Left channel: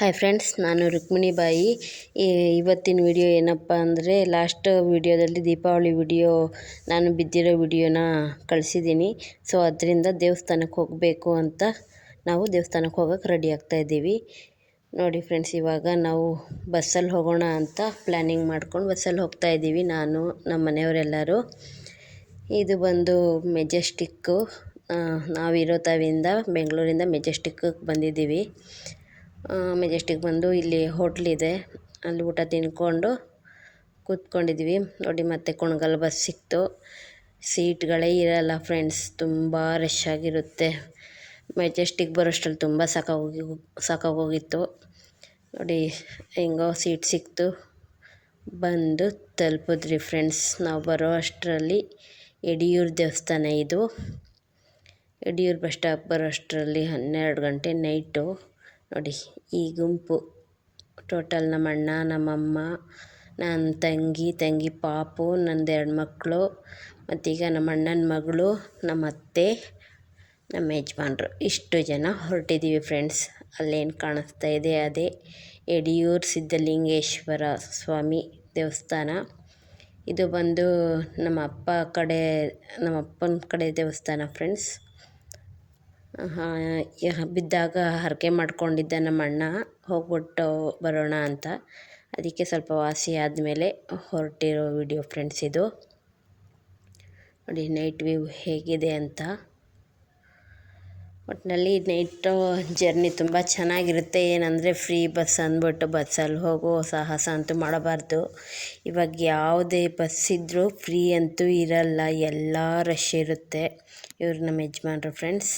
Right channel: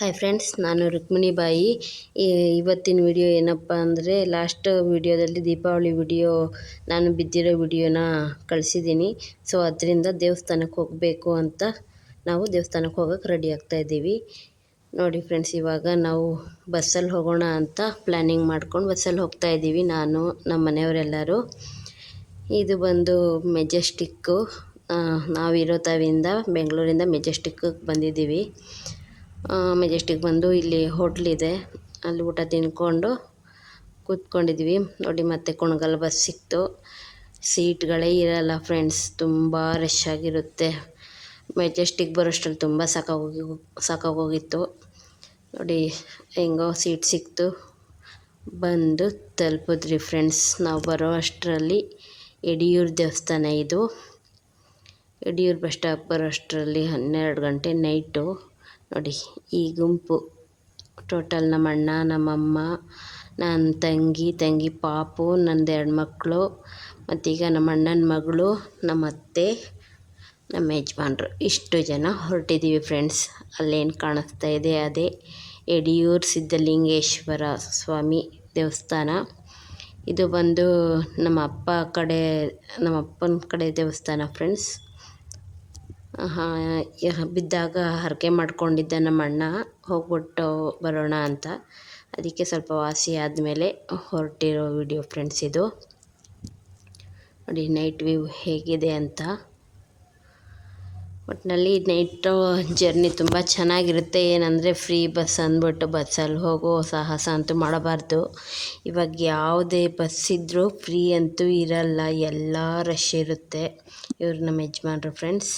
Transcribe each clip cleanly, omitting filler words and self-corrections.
Hi friends, ನಾನು ರುಕ್ಮಿಣಿ ಬಾಯಿ. ಇವತ್ತಿನ ವಿಡಿಯೋ ಏನಪ್ಪ ಅಂದರೆ, ಲಾಸ್ಟ್ ವಿಡಿಯೋದಲ್ಲಿ ದೀಪಾವಳಿ ವಿಡಿಯೋ ನಾನು ಬಿದ್ದಿರೋ ವಿಡಿಯೋನ ಕಳಿಸಿದ್ದೀನಿ. ಸೊ ಅದರಿಂದ ದೇವಸ್ಥಾನಕ್ಕೆ ಹೋಗಬೇಕು ಅಂತ ನಾವು ದೇವಸ್ಥಾನಕ್ಕೆ ಹೋಗೋಕ್ಕೆ ರೆಡಿ ಆಗ್ತಾಯಿದ್ದೀವಿ. ನೋಡಿ ಫ್ರೆಂಡ್ಸ್, ಇವಾಗ ನಾವು ಬಸ್ಸಲ್ಲಿ ಹೋಗೋಣ ಅಂತ ಪ್ಲ್ಯಾನಿಂಗ್ ಮಾಡ್ಕೊಂಡು ಬಸ್ಸಲ್ಲಿ ಹೋಗ್ತಾಯಿದ್ದೀವಿ, ನಾನು ನಮ್ಮ ಮನೆಯವರೆಲ್ಲರೂ. ಇದು ಬಂದು ಮೆಜೆಸ್ಟಿಕ್ಕು. ನಾವಿರೋ ತಾವಿಂದ ಬೆಂಗಳೂರಿಂದ ಮೆಜೆಸ್ಟಿಕ್ಕಿಗೆ ಬಂದಿದ್ದೀವಿ. ಮೆಜೆಸ್ಟಿಕ್ ಬಂದು ಇಲ್ಲಿ ಹೋಟ್ಲಿದೆ, ಅಲ್ಲಿ ಊಟ ತಿನ್ಕೊಂಡು ಕೂತ್ಕೊಂಡಿದ್ವಿ. ನೋಡಿ, ಮತ್ತೆ ಕುಣಗಲ್ ಬಸ್ ಸಿಕ್ತು. ಸೀಟ್ಗಳೇ ಇರಲ್ಲ ಫ್ರೆಂಡ್ಸ್, ತುಂಬ ರಶ್ ಆಗಿರುತ್ತೆ. ಮೆಜೆಸ್ಟಿಕ್ ಬರೋಷ್ಟರಲ್ಲಿ ತುಂಬ ಸಾಕಾಗೋಗಿತ್ತು. ನೋಡಿ, ಹೆಂಗೋ ಸೀಟ್ ಸಿಕ್ತು, ಬಂದು ತಲುಪಿದ್ರಿ ಫ್ರೆಂಡ್ಸ್. ನಾವು ಬರೋ ಅಷ್ಟರಲ್ಲಿ ಯಡಿಯೂರು ದೇವಸ್ಥಾನ ಇದು. ಯಡಿಯೂರು ಬಸ್ ಸ್ಟಾಪ್ ಬರೋಷ್ಟರಲ್ಲಿ 12 ಗಂಟೆ ನೈಟು. ನೋಡಿ, ಈ ಗುಂಪು ಟೋಟಲ್ ನಮ್ಮ ಅಣ್ಣ, ನಮ್ಮಮ್ಮ, ನನ್ನ ತಂಗಿ ಪಾಪು, ನಂದು 2 ಮಕ್ಕಳು, ಮತ್ತೀಗ ನಮ್ಮ ಅಣ್ಣನ ಮಗಳು, ನಮ್ಮ ಅತ್ತೆ, ನಮ್ಮ ಯಜಮಾನ್ರು, ಇಷ್ಟು ಜನ ಹೊರಟಿದ್ದೀವಿ ಫ್ರೆಂಡ್ಸ್. ಅಲ್ಲೇನು ಕಾಣಿಸ್ತಾ ಇದೆ ಅದೇ ಯಡಿಯೂರು ಸಿದ್ಧಲಿಂಗೇಶ್ವರ ಸ್ವಾಮಿ ದೇವಸ್ಥಾನ. ಇದು ಬಂದು ನಮ್ಮ ಅಪ್ಪನ ಕಡೆ ದೇವಸ್ಥಾನ ಫ್ರೆಂಡ್ಸ್. ಬಿದ್ದಾಗ ಹರಕೆ ಮಾಡ್ಕೊಂಡಿದ್ದ ನಮ್ಮ ಅಣ್ಣ, ಹೋಗ್ಬಿಟ್ಟು ಬರೋಣ ಅಂತ. ಅದಕ್ಕೆ ಸ್ವಲ್ಪ ವಾಸಿ ಆದಮೇಲೆ ಹೊರಟಿರೋ ವಿಡಿಯೋ ಫ್ರೆಂಡ್ಸ್ ಇದು. ನೋಡಿ ನೈಟ್ ವ್ಯೂ ಹೇಗಿದೆ ಅಂತ. ಒಟ್ಟಿನಲ್ಲಿ ನೈಟು ಜರ್ನಿ ತುಂಬ ಚೆನ್ನಾಗಿರುತ್ತೆ. ಏನಂದರೆ ಫ್ರೀ ಬಸ್ ಅಂದ್ಬಿಟ್ಟು ಬಸ್ಸಲ್ಲಿ ಹೋಗೋ ಸಾಹಸ ಅಂತೂ ಮಾಡಬಾರ್ದು. ಇವಾಗ ಯಾವುದೇ ಬಸ್ ಇದ್ದರೂ ಫ್ರೀ ಅಂತೂ ಇರಲ್ಲ, ಎಲ್ಲ ರಶ್ ಇರುತ್ತೆ. ಇವರು ನಮ್ಮ ಯಜಮಾನ್ರು ಫ್ರೆಂಡ್ಸ್.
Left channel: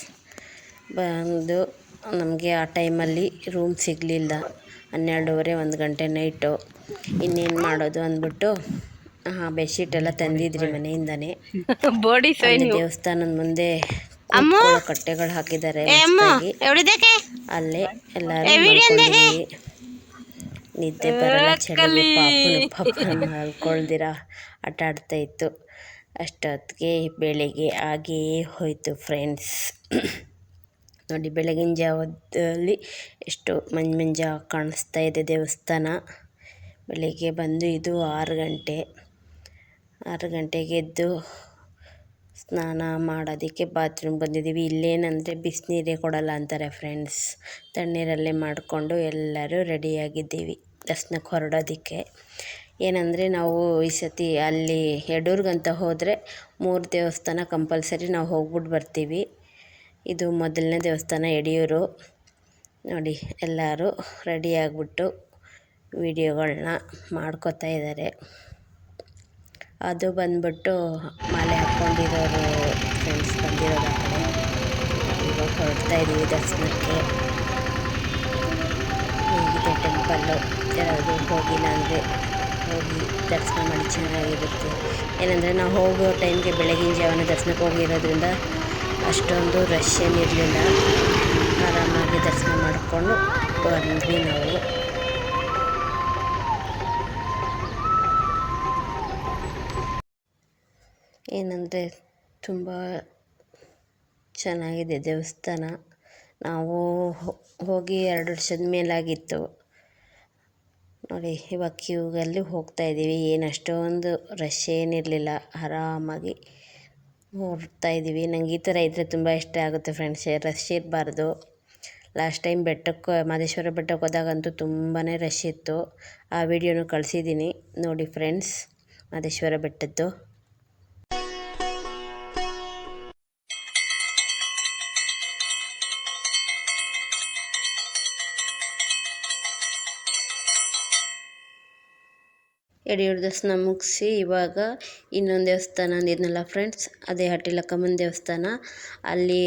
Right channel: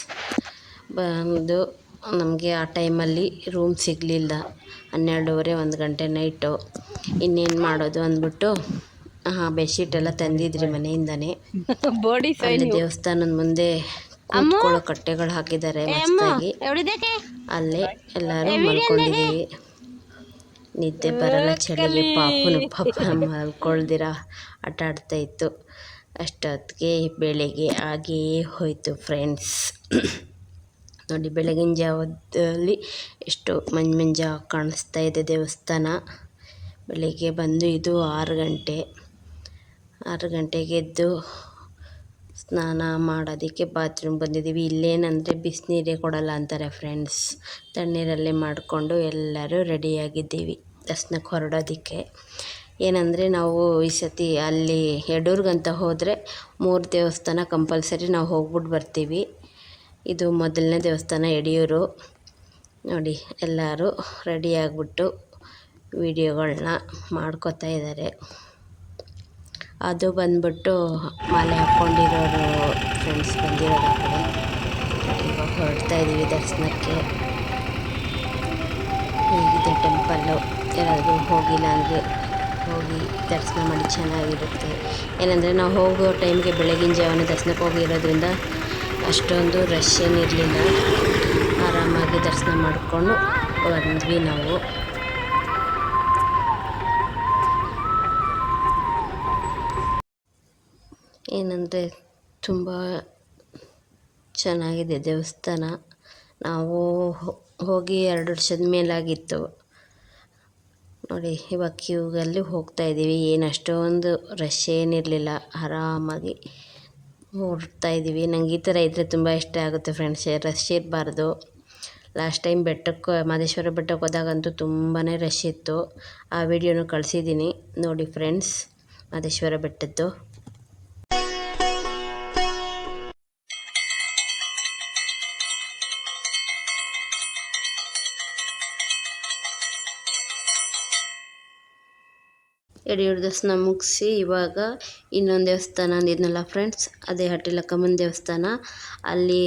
ಬಂದು ನಮಗೆ ಆ ಟೈಮಲ್ಲಿ ರೂಮ್ ಸಿಗಲಿಲ್ಲ, 12:30 1 ಗಂಟೆ ನೈಟು. ಇನ್ನೇನು ಮಾಡೋದು ಅಂದ್ಬಿಟ್ಟು ಬೆಡ್ಶೀಟ್ ಎಲ್ಲ ತಂದಿದ್ರಿ ಮನೆಯಿಂದನೇ. ದೇವಸ್ಥಾನದ ಮುಂದೆ ಕಟ್ಟೆಗಳು ಹಾಕಿದ್ದಾರೆ, ಅಲ್ಲೇ ಎಲ್ಲರೂ ನಿದ್ದೆ ಬರಲ್ಲ, ಚಳಿ ಪಾಪ ಮಲ್ಕೊಳ್ದಿರ ಆಟ ಆಡ್ತಾ ಇತ್ತು. ಅಷ್ಟೊತ್ತಿಗೆ ಬೆಳಗ್ಗೆ ಆಗೇ ಹೋಯಿತು ಫ್ರೆಂಡ್ಸ್. ನೋಡಿ, ಬೆಳಗಿನ ಜಾವದಲ್ಲಿ ಎಷ್ಟು ಮಂಜು ಕಾಣಿಸ್ತಾ ಇದೆ ದೇವಸ್ಥಾನ. ಬೆಳಗ್ಗೆ ಬಂದು ಇದು 6 ಗಂಟೆಗೆ ಎದ್ದು ಸ್ನಾನ ಮಾಡೋದಕ್ಕೆ ಬಾತ್ರೂಮ್ ಬಂದಿದ್ದೀವಿ. ಇಲ್ಲೇನಂದರೆ ಬಿಸಿನೀರೇ ಕೊಡಲ್ಲ ಅಂತಾರೆ ಫ್ರೆಂಡ್ಸ್. ತಣ್ಣೀರಲ್ಲೇ ಮಾಡಿಕೊಂಡು ಎಲ್ಲರೂ ರೆಡಿಯಾಗಿದ್ದೀವಿ ದರ್ಶನಕ್ಕೆ ಹೊರಡೋದಕ್ಕೆ. ಏನಂದರೆ ನಾವು ಈ ಸತಿ ಅಲ್ಲಿ ಯಡೂರ್ಗಂತ ಹೋದರೆ 3 ದೇವಸ್ಥಾನ ಕಂಪಲ್ಸರಿ ನಾವು ಹೋಗ್ಬಿಟ್ಟು ಬರ್ತೀವಿ. ಇದು ಮೊದಲನೇ ದೇವಸ್ಥಾನ ಯಡಿಯೂರು. ನೋಡಿ, ಎಲ್ಲರೂ ರೆಡಿಯಾಗಿಬಿಟ್ಟು ವಿಡಿಯೋಗಳನ್ನ ಮಾಡ್ಕೋತಾ ಇದ್ದಾರೆ. ಅದು ಬಂದ್ಬಿಟ್ಟು ಮಾಲೆ ಹಾಕ್ಕೊಂಡಿರೋರು ಫ್ರೆಂಡ್ಸ್. ಹೊರಡ್ತಾ ಇದ್ದೀವಿ ದರ್ಶನಕ್ಕೆ. ಹೇಗಿದೆ ಟೆಂಪಲ್ಲು, ಯಾರಾದರೂ ಹೋಗಿಲ್ಲ ಅಂದರೆ ಹೋಗಿ ದರ್ಶನ ಮಾಡಿ, ಚೆನ್ನಾಗಿರುತ್ತೆ. ಏನಂದರೆ ನಾವು ಹೋಗೋ ಟೈಮ್ಗೆ ಬೆಳಗಿನ ಜಾವನ ದರ್ಶನಕ್ಕೆ ಹೋಗಿರೋದ್ರಿಂದ ಅಷ್ಟೊಂದು ರಶ್ ಏನಿರಲಿಲ್ಲ, ಆರಾಮಾಗಿ ದರ್ಶನ ಮಾಡಿಕೊಂಡು ಬಂದ್ವಿ ನಾವು. ಏನಂದರೆ ತುಂಬ ಚೆನ್ನಾಗಿದೆ ದೇವಸ್ಥಾನ. ನಾವು ಹೋಗಿ 2 ವರ್ಷದ ಮೇಲಾಗಿತ್ತು. ನೋಡಿ, ಇವಾಗ ಕ್ಯೂಗಲ್ಲಿ ಹೋಗ್ತಾಯಿದ್ದೀವಿ. ಏನು ಅಷ್ಟೊಂದು ರಶ್ ಏನಿರಲಿಲ್ಲ, ಆರಾಮಾಗಿ ಹೊರಡ್ತಾಯಿದ್ದೀವಿ. ನಂಗೆ ಈ ಥರ ಇದ್ದರೆ ತುಂಬ ಇಷ್ಟ ಆಗುತ್ತೆ ಫ್ರೆಂಡ್ಸ್, ರಶ್ ಇರಬಾರ್ದು. ಲಾಸ್ಟ್ ಟೈಮ್ ಮಹದೇಶ್ವರ ಬೆಟ್ಟಕ್ಕೆ ಹೋದಾಗಂತೂ ತುಂಬಾ ರಶ್ ಇತ್ತು. ಆ ವಿಡಿಯೋನು ಕಳಿಸಿದ್ದೀನಿ ನೋಡಿ ಫ್ರೆಂಡ್ಸ್, ಮಹದೇಶ್ವರ ಬೆಟ್ಟದ್ದು. ಯಡಿಯೂರು ದರ್ಶನ ಮುಗಿಸಿ ಇವಾಗ ಇನ್ನೊಂದು ದೇವಸ್ಥಾನ ಅಂದಿದ್ನಲ್ಲ ಫ್ರೆಂಡ್ಸ್, ಅದೇ ಹಟ್ಟಿಲಕ್ಕಮ್ಮನ ದೇವಸ್ಥಾನ, ಅಲ್ಲಿ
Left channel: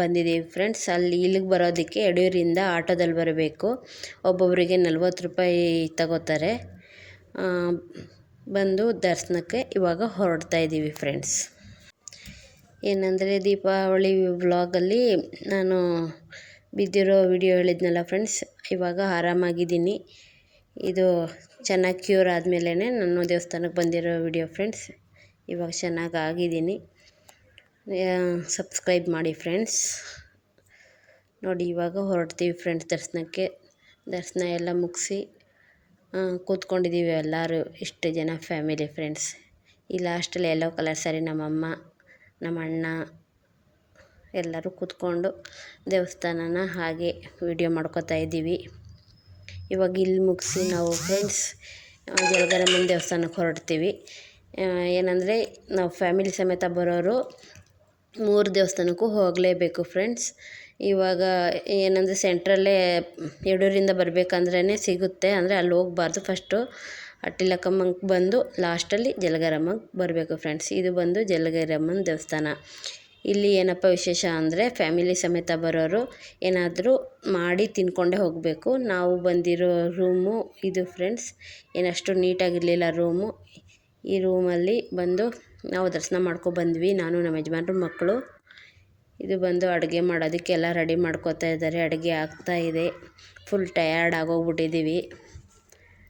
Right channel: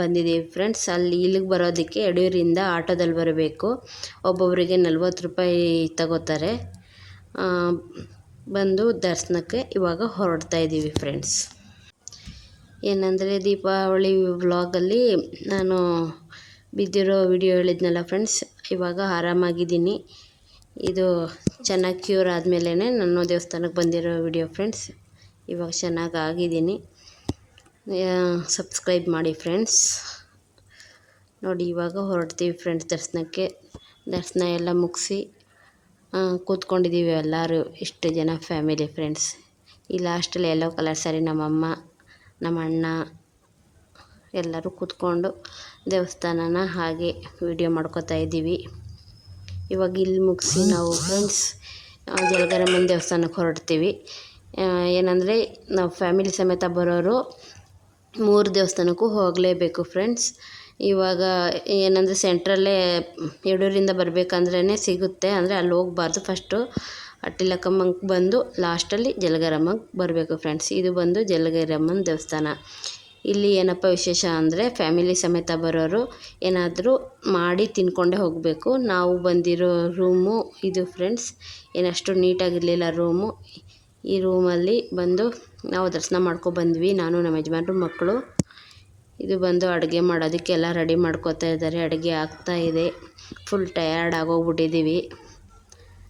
ಬಂದಿದ್ದೀವಿ ಫ್ರೆಂಡ್ಸ್. ಇಲ್ಲಿಗೆ ಬರೋದಕ್ಕೆ ಯಡಿಯೂರಿಂದ ಆಟೋದಲ್ಲಿ ಬರಬೇಕು. ಒಬ್ಬೊಬ್ಬರಿಗೆ 40 ರೂಪಾಯಿ ತಗೋತಾರೆ. ಬಂದು ದರ್ಶನಕ್ಕೆ ಇವಾಗ ಹೊರಡ್ತಾ ಇದ್ದೀವಿ ಫ್ರೆಂಡ್ಸ್. ಏನಂದರೆ ದೀಪಾವಳಿ ವ್ಲಾಗಲ್ಲಿ ನಾನು ಬಿದ್ದಿರೋ ವಿಡಿಯೋ ಹೇಳಿದ್ನಲ್ಲ ಫ್ರೆಂಡ್ಸ್, ಇವಾಗ ಆರಾಮಾಗಿದ್ದೀನಿ. ಇದು ಚೆನ್ನಾಗಿ ಕ್ಯೂರ್ ಆದಮೇಲೆ ನಾನು ದೇವಸ್ಥಾನಕ್ಕೆ ಬಂದಿರೋ ವಿಡಿಯೋ ಫ್ರೆಂಡ್ಸ್. ಇವಾಗ ಚೆನ್ನಾಗಿ ಆಗಿದ್ದೀನಿ. ಸಬ್ಸ್ಕ್ರೈಬ್ ಮಾಡಿ ಫ್ರೆಂಡ್ಸ್. ನೋಡಿ, ಇವಾಗ ಹೊರಡ್ತೀವಿ ಫ್ರೆಂಡ್ಸ್ ದರ್ಶನಕ್ಕೆ. ದರ್ಶನ ಎಲ್ಲ ಮುಗಿಸಿ ಕೂತ್ಕೊಂಡಿದ್ದೀವಿ ಎಲ್ಲರೂ ಇಷ್ಟು ಜನ ಫ್ಯಾಮಿಲಿ ಫ್ರೆಂಡ್ಸ್. ಈ ಲಾಸ್ಟಲ್ಲಿ ಯೆಲ್ಲೋ ಕಲರ್ ಸ್ಯಾರಿ ನಮ್ಮಮ್ಮ ನಮ್ಮ ಅಣ್ಣ ಎಲ್ಲರೂ ಕೂತ್ಕೊಂಡು ದೇವಸ್ಥಾನನ ಹಾಗೆ ವಿಡಿಯೋ ಮಾಡ್ಕೋತಾ ಇದ್ದೀವಿ. ಇವಾಗ ಇಲ್ಲಿ ಮುಗಿಸಿ ನಾವು ಫ್ರೆಂಡ್ಸ್ ಜಲಗರಮ್ಮನ ದೇವಸ್ಥಾನಕ್ಕೆ ಹೊರಡ್ತೀವಿ. ಏನಂದರೆ ನಾವು ಫ್ಯಾಮಿಲಿ ಸಮೇತ ಬರೋರು 3 ದೇವಸ್ಥಾನಕ್ಕೂ ಹೋಗಲೇಬೇಕು ಫ್ರೆಂಡ್ಸ್. ಇವಾಗ ಏನಂದರೆ ಸೆಂಟ್ರಲ್ಲೇ ಯಡೂರಿಂದ ಬರಬೇಕಂದ್ರೇ ಸಿಗುತ್ತೆ, ಅಂದರೆ ಅಲ್ಲಿ ಹೋಗ್ಬಾರ್ದು. ಫಸ್ಟು ಅಟ್ಟಿಲಕ್ಕಮ್ಮಂಗೆ ಬಂದು ಲಾಸ್ಟಲ್ಲಿ ಜಲಗರಮ್ಮಂಗೆ ಬರಬೇಕು ಫ್ರೆಂಡ್ಸ್. ಇದು ಬಂದು ಜಲಗರಮ್ಮನ ದೇವಸ್ಥಾನ. ಇಲ್ಲಿ ಏನಪ್ಪ ವಿಶೇಷ ಅಂದರೆ ಫ್ಯಾಮಿಲಿ ಸಮೇತ ಬರೋರು ಏನಾದರೂ ಮಾಡಿ ತಿನ್ಕೊಂಡೇ ಹೋಗಬೇಕು. ನಾವು ಬಂದಿರೋ ರೂಮು ಇದು ಫ್ರೆಂಡ್ಸ್. ಏನಷ್ಟು ನೀಟಾಗಿರಲಿಲ್ಲ ರೂಮು. ಈ ರೂಮಲ್ಲಿ ಬಂದು ನಾವು ದರ್ಶನ ಮಾಡ್ಕೊಬಂದ್ವಿ, ನಾನು ನಮ್ಮ ಯಜಮಾನ್ರು ಮಕ್ಕಳು. ಇದು ಬಂದು ಅಡುಗೆ ಮಾಡೋದಕ್ಕೆಲ್ಲ ರೆಡಿ ಮಾಡ್ಕೋತಾ ಇದ್ದಾರೆ. ಅಡುಗೆ ಆಗ್ತಾಯಿದೆ. ಫುಲ್ ಟಯರ್ಡ್ ಆಗೋಗ್ಬಿಟ್ಟಿದ್ದೀವಿ,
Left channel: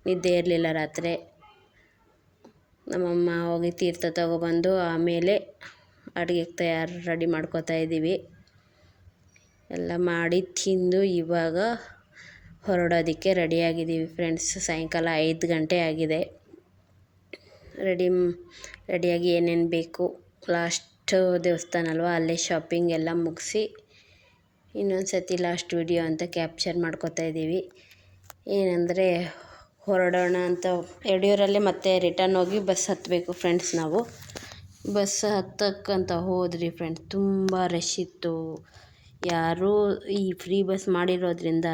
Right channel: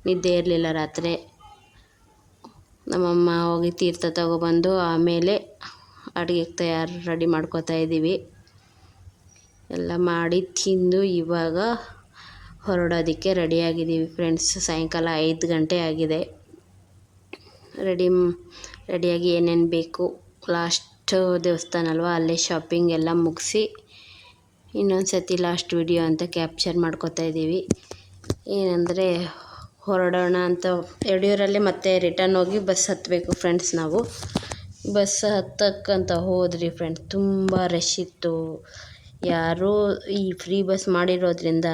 ನಿದ್ದೆ ಇರಲಿಲ್ಲ ರಾತ್ರಿ. ನಮ್ಮಮ್ಮ ಹೋಗಿ ತೀರ್ಥ ತಗೊಬಂದು ಆಮೇಲೆ ಅಡುಗೆಗೆ ರೆಡಿ ಮಾಡ್ಕೋತಾ ಇದ್ದೀವಿ. ಎಲ್ಲ ಮಾಡಿ ತಿಂದು ಇವಾಗ ಹೊರಡೋದಕ್ಕೆ ರೆಡಿಯಾಗಿದ್ದೀವಿ ಫ್ರೆಂಡ್ಸ್. ಸಾಯಂಕಾಲ 5 ಗಂಟೆ ಆಗಿದೆ. ರೆಡಿಯಾಗಿ ಏನೇನು ಬೇಕು, ಲಾಸ್ಟ್ ದೇವಸ್ಥಾನ ಅಲ್ವಾ, ಅಲ್ಲೇ ಶಾಪಿಂಗ್ ಎಲ್ಲ ಮುಗಿಸಿ ಇನ್ನೊಂದು ಸತಿ ಲಾಸ್ಟ್ ವಿಡಿಯೋ ಅಂತ ಕ್ಯಾಪ್ಚರ್ ಮಾಡ್ಕೋತಾ ಇದ್ದೀವಿ. ಏನಂದರೆ ಹೊರಡೋಣ ಅಂತ ಯಡಿಯೂರಲ್ಲಿ ಮತ್ತೆ ರಿಟರ್ನ್ ಹೋಗಿ ಬಸ್ ಹತ್ತಬೇಕು ಫ್ರೆಂಡ್ಸ್. ನಾವು ಬಸ್ ಹತ್ತಕ್ಕಂತ ಹೋದ್ರಿ ಫ್ರೆಂಡ್ಸ್, ತುಂಬ ರಶ್ ಇತ್ತು. ಯಾರೂ ಈ ಫ್ರೀ ಬಸ್ ಮಾಡಿರೋದ್ರಿಂದ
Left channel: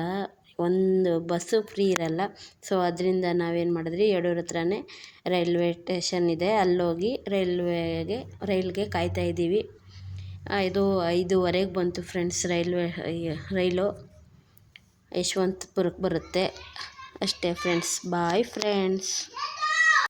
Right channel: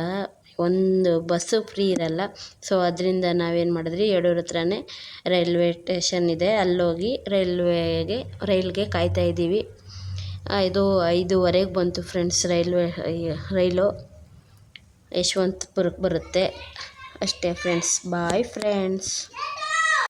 ಒಂದು ಬಸ್ಸು ಫ್ರೀ ಇರಲ್ಲ. ಸೊ ಅದರಿಂದ ನಾವೇನು ಮಾಡಿದ್ರಿ, ಯಡೂರು ಹತ್ರನೇ ರೈಲ್ವೆ ಸ್ಟೇಷನ್ ಇದೆ, ಅಲ್ಲೋಗಿ ರೈಲ್ಗೆ ಕಾಯ್ತಾ ಇದ್ದೀವಿ. ಇದು 5:15 ಬಂತು ಫ್ರೆಂಡ್ಸ್. ರೈಲು ಯಶವಂತಪುರಕ್ಕೆ ಬರುತ್ತೆ ಅಷ್ಟೇ ಫ್ರೆಂಡ್ಸ್. Bye friends.